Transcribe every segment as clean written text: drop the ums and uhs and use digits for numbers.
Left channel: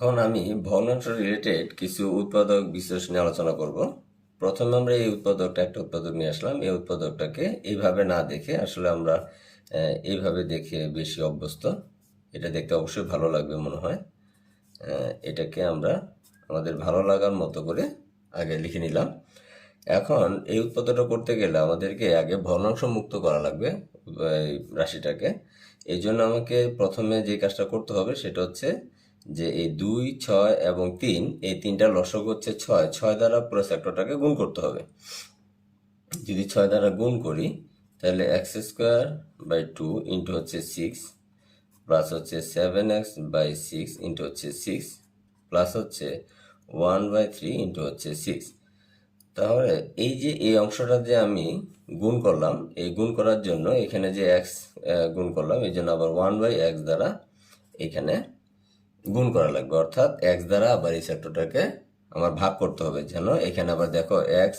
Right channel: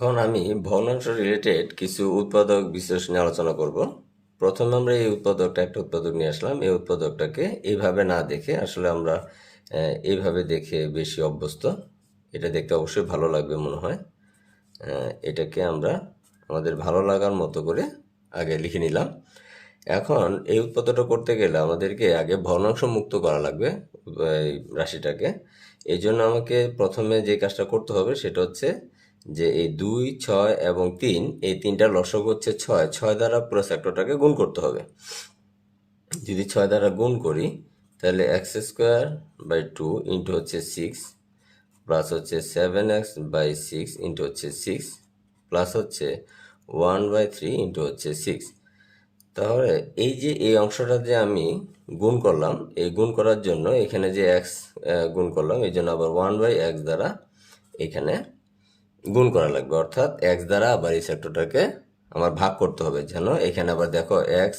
এখন আমি ভগ্নাংশ রিলেটেড কিছু উৎপাদক বিশেষ নিয়ে আলোচনা করব। প্রথমে আমরা এই উৎপাদকটা একটা উৎপাদক নিয়ে আসলাম। এই উৎপাদকটাকে এইভাবে না দেখে আসলে আমরা এইভাবে দেখে বেশি অভ্যস্ত। এটা দেখতে অবশ্যই ভালো লাগবে মনে হয়। এটাকে আমরা আমাদের ভালো লাগার মতো করে আগে লিখে নিলাম। এখন এই উৎপাদকটা করতে গেলে আমাদেরকে আগে ভগ্নাংশ মুক্ত করা লাগবে এই রাশিটাকে। এই জন্য আমাকে প্রথমে যে কাজটা করতে হবে সেটা হচ্ছে যে এই 2, 6 এবং 3, এই তিনটা লসক হচ্ছে 6, 6 দ্বারা পুরো সেক্টরটাকে গুণ করতে হবে। যদি 6 দ্বারা গুণ করি তাহলে x²/2 ইন্টু হচ্ছে 6 প্লাস হচ্ছে 7x/6 ইন্টু হচ্ছে 6 প্লাস হচ্ছে 1/3 ইন্টু হচ্ছে 6। তাহলে এই যে এই অংশটা যে আমি গুণ করলাম, এই গুণ করার জন্য এখানে যে x গুণ করলাম এই জন্য আবার 1/x দ্বারা এখানে গুণ করা লাগবে, অর্থাৎ x দ্বারা আবার এই সেক্টরটাকে আমার ভাগ করতে হবে। যেন এখানে আবার দেখো x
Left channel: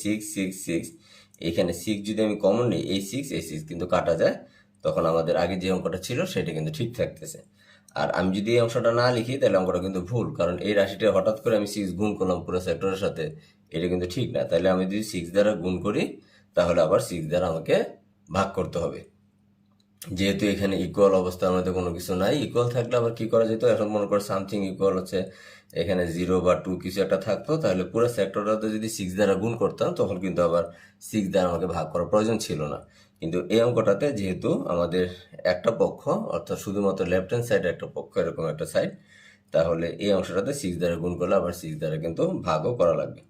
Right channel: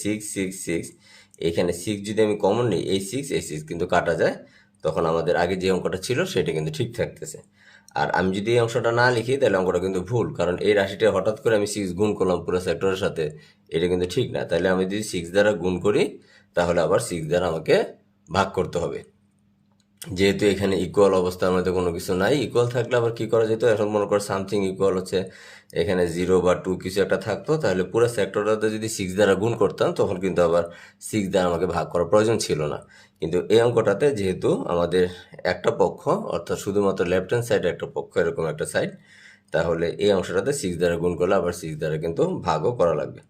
6 6 6, এখানে 6 যদি আমি কমন নিই এই 6 কিন্তু কাটা যায়, তখন আমাদের আগে যে অঙ্কটা ছিল সেটা কিন্তু ঠিক থাকতেছে। আর আমি যদি এই অংশটা না লিখি তাহলে অঙ্কটা কিন্তু ভুল, কারণ এই রাশিটা হঠাৎ করে আমি 6 গুণ করলাম পুরো সেক্টরের সাথে, এটা কিন্তু ঠিক না। তাহলে আমি যদি 6 দ্বারা গুণ করি তাহলে আবার 6 দ্বারা আমাকে ভাগ করতে হবে। যেহেতু এখানে ইকুয়াল অবস্থার মধ্যে কোনো কিছু নাই, ইকুয়াল থাকলে আবার কি করা যেত, এখন মনে করো সামথিং ইকুয়াল হচ্ছে এখানে 0 বা 2 কিছু একটা থাকতো, তাহলে পুরো সেক্টরটাতে যদি 6 দ্বারা গুণ করতাম তখন কিন্তু আবার 6 দ্বারা আমাকে ভাগ করার প্রয়োজন ছিল না। কিন্তু এই অঙ্কটাতে যেহেতু আমাদের একটা পক্ষ, অর্থাৎ শুধুমাত্র লেফট হ্যান্ড সাইড একটা পক্ষ, এরকম একটা সাইড, তাহলে এই অংশটাতে 6 দ্বারা গুণ করলে আবার 6 দ্বারা কিন্তু ভাগও করা লাগবে।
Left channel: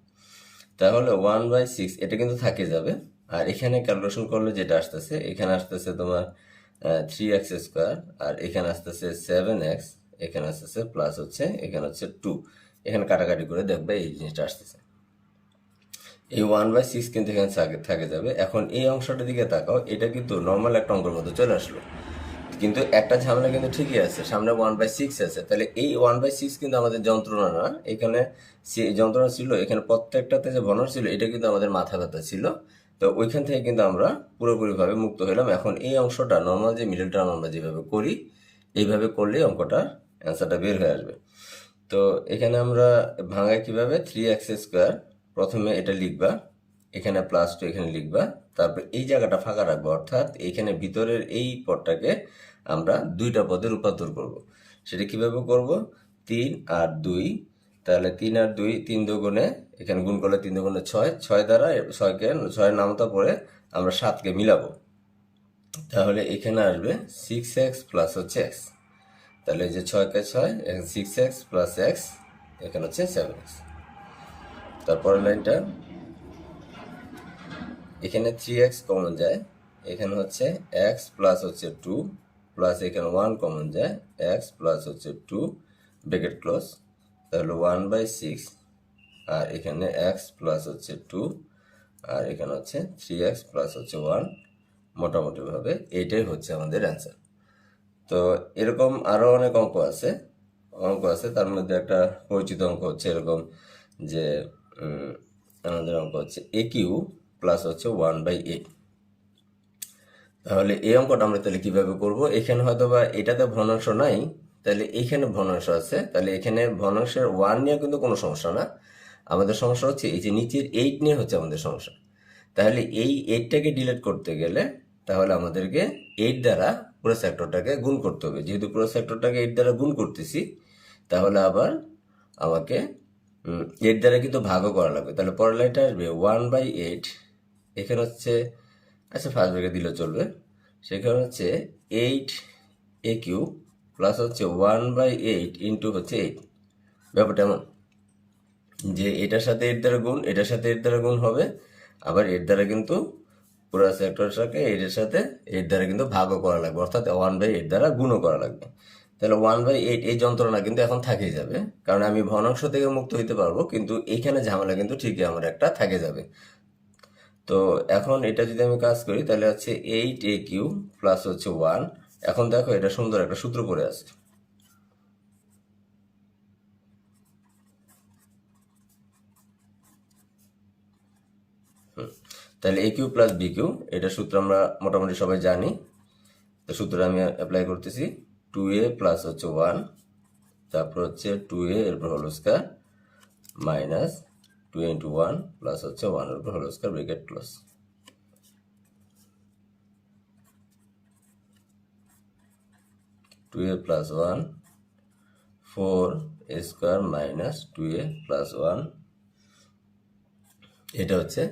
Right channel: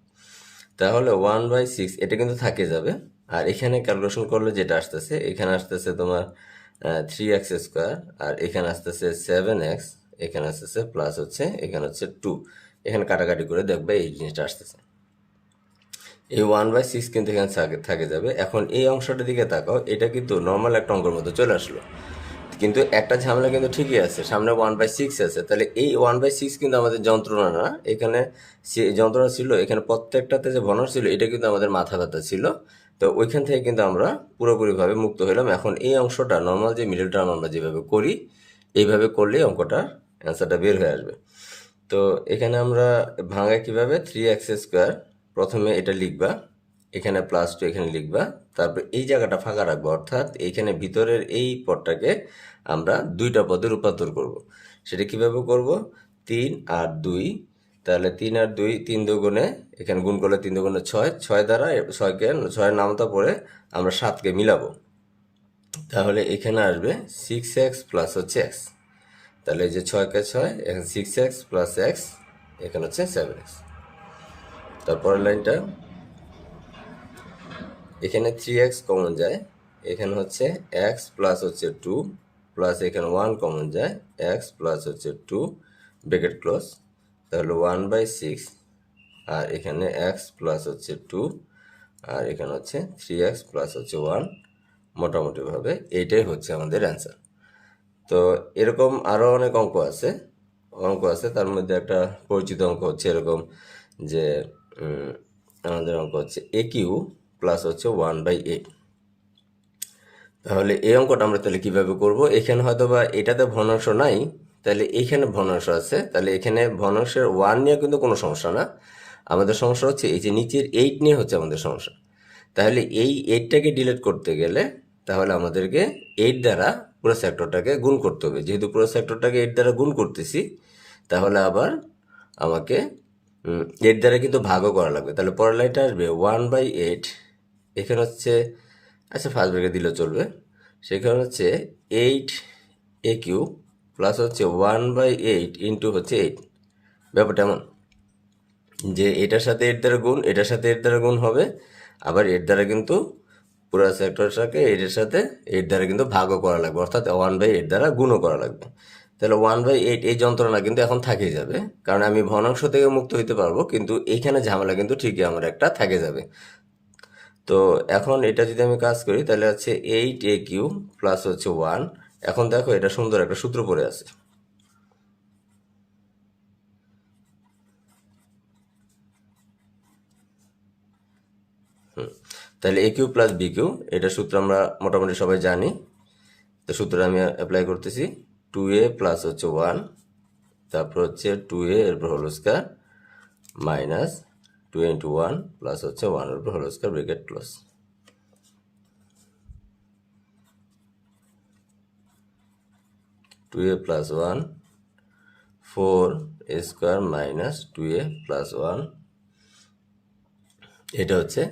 তাহলে 1/6 এটা কিন্তু থাকে যাবে। আর এখানে ক্যালকুলেশন করলে যেটা আসতেছে, এখানে আসতেছে তোমার 3x², আর এখানে আসতেছে 7x, এখানে আসতেছে প্লাস হচ্ছে এখানে হচ্ছে 2, এখানে কাটাকাটি করে দেখবে এই জিনিসটা আসতেছে। এই 1/6 কিন্তু এখানে থাকে যাবে। এখন এই অংশটার দিকে তাকাও, এটা কিন্তু নর্মাল একটা অঙ্কের মধ্যে চলে আসলো, কিন্তু একটা ঝামেলা কিন্তু ঠিকই আছে, সামনে 1/6 আছে। তাহলে এই 1/6 কিন্তু আমাদের যন্ত্রণা না, এখানে যন্ত্রণা ছিল, এখানে প্রত্যেকটাতে যে ভগ্নাংশ ছিল এটা কিন্তু আমাদের মাথা ব্যথা ছিল। তো ওইখান থেকে কিন্তু আমরা পুরোপুরিভাবে মুক্ত হলাম। এখন এই অংশটা নর্মাল যে মিডল টার্ম আমরা যেভাবে করি এইভাবে করলেই অঙ্কটা অ্যান্সারটা বের হয়ে আসবে। তো এখানে আমরা ভাঙাই কিভাবে, 3x², প্রথমে এটা লিখবা, এখানে +2 এখানে লিখবা, তারপর এই জায়গাটা ফাঁকা রাখবো, অর্থাৎ এইখানে ভিতরের এই পদটাকে আমরা দুইটা পদে রূপান্তর করব। সেটা কিভাবে করব, 3 আর 2, তাহলে 3 আর 2, 3 দুগুণে, এখানে গুণ করলে 3 দুগুণে 6, 6 দ্বারা 6 নামতা পরে আমরা 7কে মিলাবো, তাহলে এখানে আসবে 6x প্লাস হচ্ছে x। তাহলে এই যে 6কে 6, এখানে 6x প্লাস x, এখানে হচ্ছে 7x। তারপরের লাইনটা, এখানে 3x কমন যায়, এখানে হচ্ছে x প্লাস হচ্ছে 2 প্লাস এখানে 1 কমন যায়, x প্লাস হচ্ছে 2 ব্র্যাকেট ক্লোজ, তাহলে 1/6, আর এখানে x প্লাস হচ্ছে 2, আর এখানে হচ্ছে 3x প্লাস হচ্ছে 1। মোটামুটিভাবে এইটাই হচ্ছে আমাদের অ্যান্সার। তো এরকম আরও অনেক অঙ্ক আছে, তার মধ্যে একটা পরিচিত অঙ্ক হচ্ছে এরকম যে আমাদের অঙ্ক হচ্ছে AQ প্লাস হচ্ছে 1/8। তাহলে এই অঙ্কটা আমরা তাহলে কিভাবে করব, এখানে হয়তো বা এটাতে ভগ্নাংশ নাই, তাহলে এইখানে ভগ্নাংশ আছে, তাহলে এখানে ভগ্নাংশের 1 নিয়ে কিন্তু কোনো সমস্যা না, আমাদের সমস্যা হচ্ছে এই যে নিচের 8 নিয়ে হচ্ছে আমাদের সমস্যা। তাহলে এই 8টাকে ডিলিট করতে গেলে তাহলে আমাদেরকে 8 দ্বারা পুরো সেক্টরটাকে গুণ করতে হবে। যেহেতু পুরো সেক্টরটাকে 8 দ্বারা গুণ করতেছি, তাহলে আবার আমাকে 8 দ্বারা কিন্তু ভাগও করা লাগবে। তাহলে পরের লাইনটা আসবে 1/8, এখানে হচ্ছে, আচ্ছা ফার্স্ট ব্র্যাকেট দিলেও চলবে, সেখানে হচ্ছে 8AQ প্লাস হচ্ছে 1/8 ইন্টু হচ্ছে 8। ব্যাপারটা এমন যে এটার সাথে 8 দ্বারা গুণ, এটার সাথে 8 দ্বারা গুণ হবে, আবার 8 দ্বারা কিন্তু পুরো সেক্টরটাকে 8-এর সাথে 8 দ্বারা কিন্তু ভাগও করা লাগবে, অর্থাৎ 1/8 দ্বারা গুণও করা লাগবে। তাহলে 1/8 এই যন্ত্রণা কিন্তু এখন থেকেই যাবে, কারণ আমি ভগ্নাংশ থেকে মুক্ত হইতে পারবো, কিন্তু এইখানে ঝামেলা কিন্তু ঠিকই আমার একটা থেকে যাবে। তো এখন এটা যদি আমি কাজ করি তাহলে হচ্ছে 8AQ প্লাস হচ্ছে 1। এখন দেখো এটা সুন্দর একটা সূত্র পড়ে আছে, তাহলে AQ প্লাস BQ, এটা সূত্র আমরা মোটামুটি সবাই জানি। তো সূত্র আমি অ্যাপ্লাই করতেছি, 2A প্লাস হচ্ছে 1 তারপর হচ্ছে 2a এর উপর whole square minus 2 into 1 plus হচ্ছে 1 এর উপর whole square bracket close. 2a plus 1 4a square minus 2a plus 1, এটা হচ্ছে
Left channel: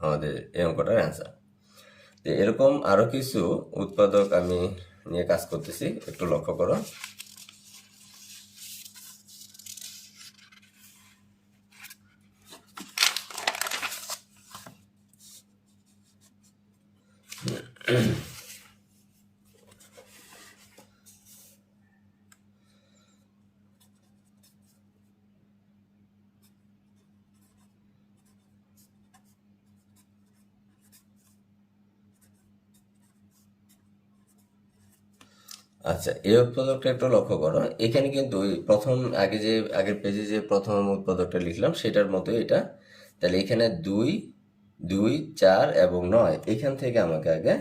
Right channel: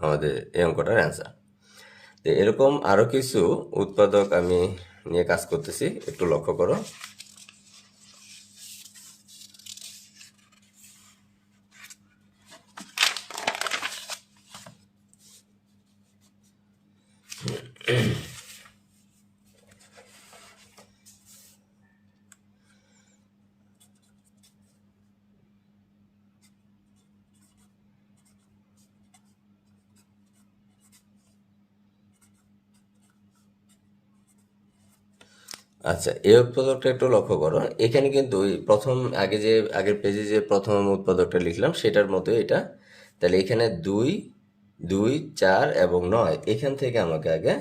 আমাদের এই অঙ্কটার অ্যান্সার। তো এরকম আরো কিছু উৎপাদক আমি নিয়ে কাজ করতেছি, একটু লক্ষ্য করো। আচ্ছা, এই উৎপাদকটা একটু লক্ষ্য করো। এখানে কিন্তু ওই প্রথম আগের পেজে যে প্রথম উৎপাদকটা লিখলাম সেটার মতো এটা। তাহলে এখানে 2, 2, 4 এবং 9 এখান থেকে আমাকে আগে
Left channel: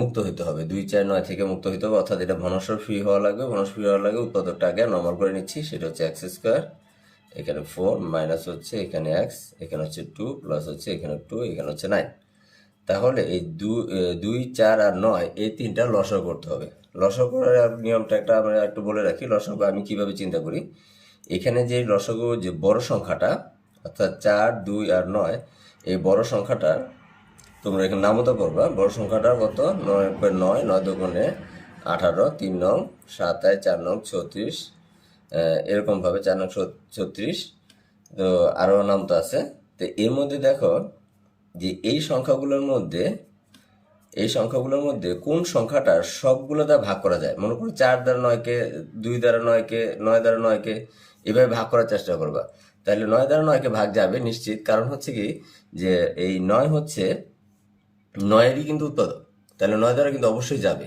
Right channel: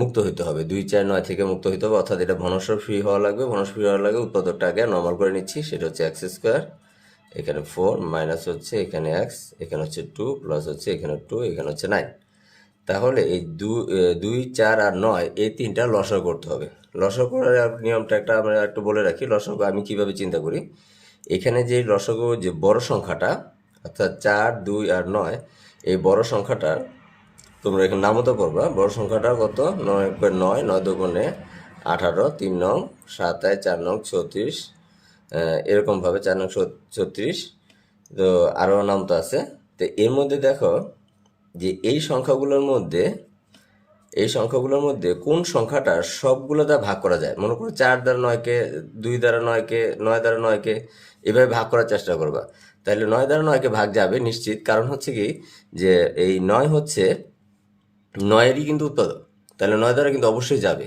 মুক্ত হইতে হবে। 2, 4, 9 থেকে মুক্ত হইতে হবে, অর্থাৎ এটা ঘনস্বর ফ্রি হওয়া লাগবে। ঘনস্বর ফ্রি হওয়ার লাগে উৎপাদকটা আগে নর্মাল করে নিচ্ছি, সেটা হচ্ছে এক্স স্কোয়ার, এখানে 4 মাইনাস হচ্ছে এখানে এক্স, এখানে হচ্ছে 2 প্লাস হচ্ছে এখানে 2, এখানে হচ্ছে 9। তাহলে এই 2, 4 আর 9 এই তিনটা লসাগু করতে হবে। লসাগু করার নিয়মটা একটা আমরা একটু বলে রাখি। লসাগু আমি কিভাবে চিন্তা করি, এখানে যে লসাগু যে বড় সংখ্যাটা অর্থাৎ 4, 2 আর 9, এই বড় সংখ্যাটার তোমরা এখানে নামতা করবা। বড় সংখ্যাটা কত? 9 9, 9 দুগুণে 18, 3 নং 27, 4 নং 36, এরকমভাবে 4 নং 36। তো আরও নাম তো আছে। তো এর মধ্যে দেখো যে এই সংখ্যাগুলোর মধ্যে কোন সংখ্যাটা সবগুলো দ্বারা ভাগ করা যায়। মনে করো 4 দ্বারা 9কে, 2 দ্বারা 9কে, 9 দ্বারা 9কে এভাবে ভাগ করার চেষ্টা করবা। তাহলে 9 দ্বারা 9কে ভাগ যাবে নিশ্চিত, কারণ হচ্ছে কি যে এই 9 হচ্ছে 9-এরই কিন্তু উৎপাদক। তাহলে 9 দ্বারা কিন্তু অবশ্যই যাবে।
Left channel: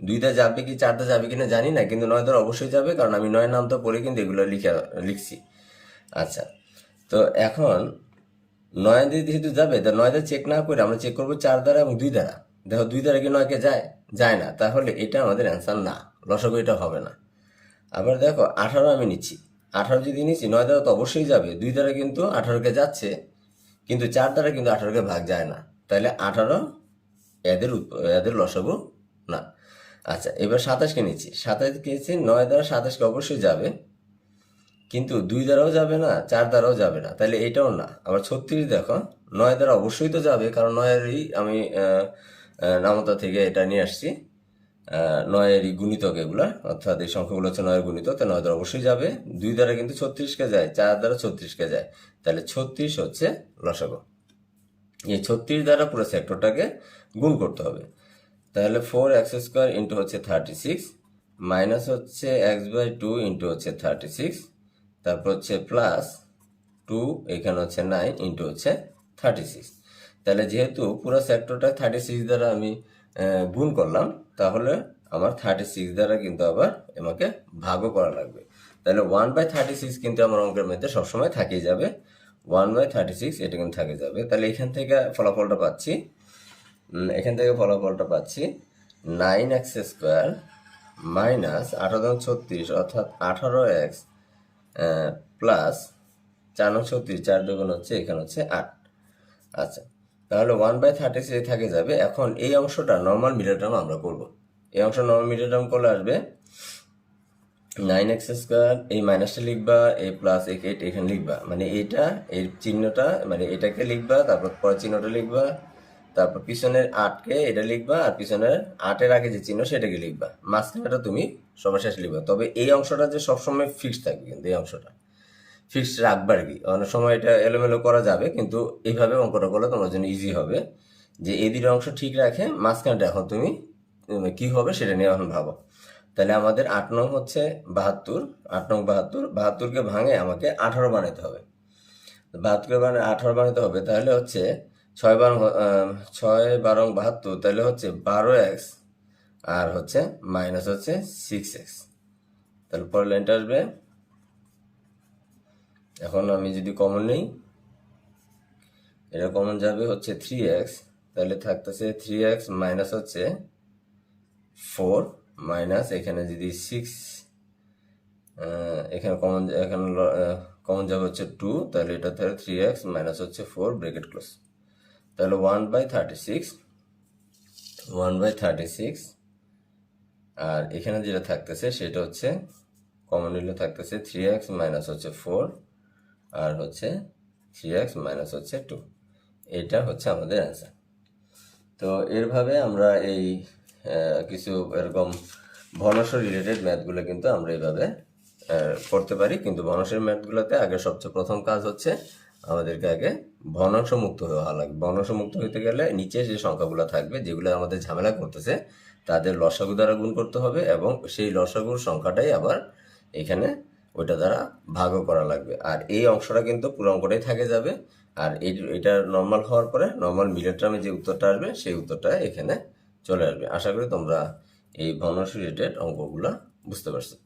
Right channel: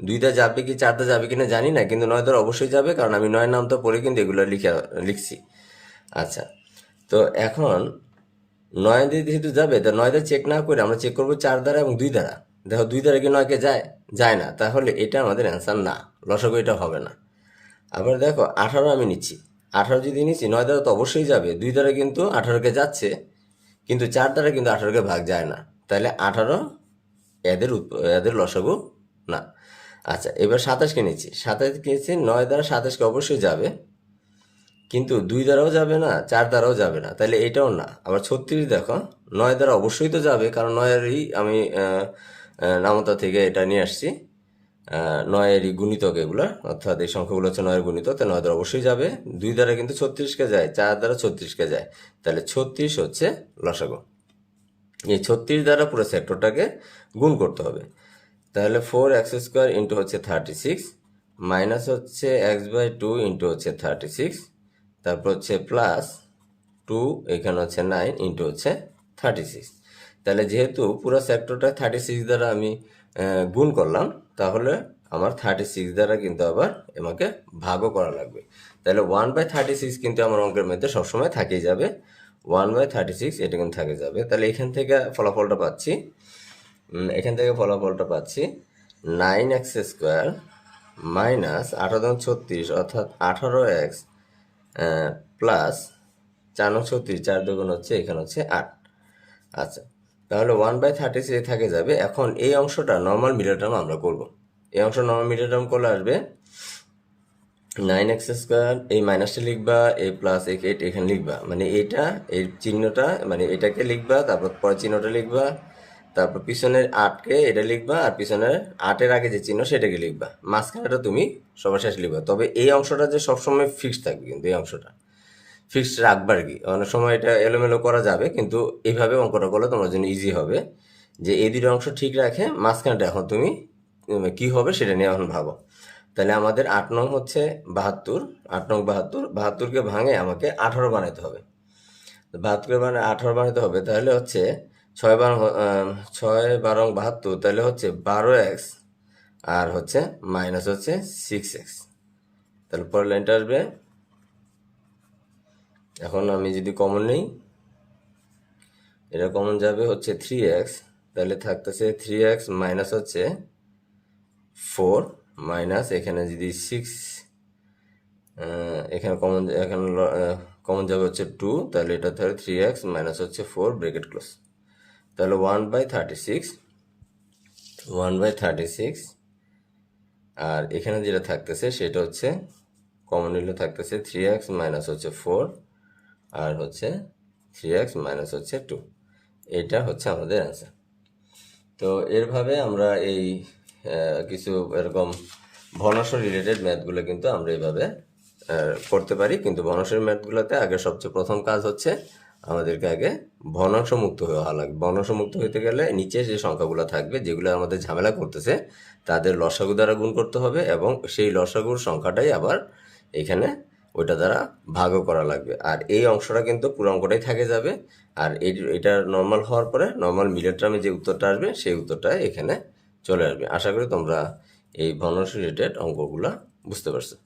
2 দ্বারা যাবে কি 4 দ্বারা যাবে কিনা জানি না, কিন্তু 9 দ্বারা অবশ্যই যাবে, কারণ আমি 9 নামটা পড়ে কিন্তু এগুলো লিখছি। আচ্ছা, তো এখন 9 দিয়ে যেহেতু যাবে, তা 9 দ্বারা চেক না করে আমরা চেক করবো 4 দ্বারা এবং 2 দ্বারা। দেখো 2 দ্বারা কি 9কে যায় না, তাহলে এটা আমাদের অ্যান্সার না, লসাগু এটা হবে না। আবার দেখো 18 আমি নিচ্ছি, 18 যদি নিচ্ছি 9 দ্বারা তো অবশ্যই যাবে, 2 দ্বারা কিন্তু 18কে যাচ্ছে, কিন্তু 4 দ্বারা কিন্তু 18কে ভাগ যায় না, তাহলে 18 এদের লসাগু না। আচ্ছা, এবার 27কে নিচ্ছি, 27কে নিচ্ছি 9 দ্বারা 27কে অবশ্যই যাবে, কিন্তু 2 দ্বারাও যাবে না, 4 দ্বারাও যাবে না, তাহলে এটাও না। আবার 36 দেখো 9 দ্বারা অবশ্যই তো যাবে, কারণ 9-এরই আমি নামতা থেকে এটা নিয়ে আসছি। 9-এরই গুণিতক এগুলা, অর্থাৎ এই সংখ্যাগুলো হচ্ছে 9-এর গুণিতক, তাই 9 দ্বারা অবশ্যই যাবে। 2 দ্বারা কিন্তু 36কে যায়, 4 দ্বারা 36কে যায়, তাহলে 36 হচ্ছে লসাগু। এই 36 দ্বারা পুরো সেক্টরটাকে গুণ করতে হবে। তাহলে 4x স্কোয়ার ইন্টু হচ্ছে 36 মাইনাস হচ্ছে x/2 ইন্টু হচ্ছে 36, তারপর হচ্ছে প্লাস 2, এখানে হচ্ছে 9 ইন্টু হচ্ছে 36। তাহলে যেহেতু পুরো সেক্টরটা 36 দ্বারা আমি গুণ করলাম, তাহলে আমার 36 দ্বারা কিন্তু আবার আমাকে ভাগও করা লাগবে। তাহলে 1/36 কিন্তু আমার অঙ্কের মধ্যে সবসময় থেকেই যাবে। 1/36 এটা কিন্তু থেকে যাবে। তাহলে এখান থেকে ফলাফলটা পাচ্ছি 9x স্কোয়ার মাইনাস 18 অর্থাৎ 18x প্লাস 4 4 দুগুণ হচ্ছে এখানে হচ্ছে 8। আচ্ছা, তাহলে 1/36 থাকে যাবে। এখন এই অংশটা নর্মাল মিডল টার্ম আমরা করব। এই অংশ নর্মাল মিডল টার্ম করলে আসবে 9x স্কোয়ার, এই মাইনাসটা লিখবা, এই প্লাস 8 এখানে লিখবা, মানে এইটা এই চিহ্নটা মানে এটাকে লিখবা, তারপর পরের চিহ্নটা লিখবা, তারপর পিছনের 8কে এটা লিখবা, আর পিছনের 8-এর আগে যে চিহ্ন সেটাকে লিখবা, মাঝখানেটা তুমি সবার শেষে লিখবা। তবে এই অংশটা যে সবসময় ফিক্সড থাকবে, কিন্তু এই অংশটা ফিক্সড রাখবার কি, অনেক সময় এটা এলোমেলো করা যাবে, কিন্তু এইভাবে অঙ্কটা করলে তোমার জন্য ইজি হবে যে এই দুটো অংশ ঠিক রাখে, মাঝখানটা এখন তুমি কি হবে সেটা নিয়ে এখন ভাবো। তাহলে আমাদের 8 নং হচ্ছে 72, 8 নং 72, 72কে ভাঙে আমাকে 18 বানাতে হবে। 72কে মানে 18 বানাতে হবে, তাহলে হচ্ছে 6 12 72, তাহলে হচ্ছে 12x আর হচ্ছে মাইনাস হচ্ছে 6x। তাহলে পরের লাইনটা আসবে, এখন আমি যদি কমন নেই, এটা কমন যাবে হচ্ছে 3x, তাহলে থাকতেছে 3x মাইনাস হচ্ছে 4 মাইনাস এখানে যদি 6 এখানে কমন যাবে হচ্ছে 2, তাহলে এটা তাহলে 3x মাইনাস হচ্ছে 4 ব্রেকেট ক্লোজ, তাহলে 1/36 আর এখানে যেটা থাকতেছে সেটা হচ্ছে কমন নিলে থাকতেছে 3x মাইনাস হচ্ছে 4 আর হচ্ছে 3x মাইনাস হচ্ছে 2, এটা হচ্ছে আমাদের অ্যান্সার। তো এরভাবে আমরা এই কিছু এরকম ভগ্নাংশ রিলেটেড ম্যাথগুলো কিন্তু আমরা এইভাবে করতে পারি, কিন্তু ভগ্নাংশের ম্যাথগুলোতে আগে সবচেয়ে প্রথম কাজ হচ্ছে আমাদেরকে আগে ভগ্নাংশ মুক্ত হওয়া লাগবে। ভগ্নাংশ মুক্ত হইতে গেলে নিচে যে সংখ্যাগুলো থাকবে যেগুলো আমাদের ঝামেলা করতেছে তাদের লসাগু দ্বারা গুণ করতে হবে, এবং সেই লসাগুর সংখ্যাটাই আবার এখানে ওইটা দ্বারা ভাগও করা লাগবে। আর এই অংশটা কিন্তু পুরো অঙ্কটাই থেকে যাবে, আর এটা নর্মাল হওয়ার পরে নর্মাল মিলের টার্মে যে উত্তরটা আসবে সেই উত্তরটা এখানে চলে আসবে। আশা করি তোমরা এই ভগ্নাংশ রিলেটেড অঙ্কগুলো বুঝতে পারছো।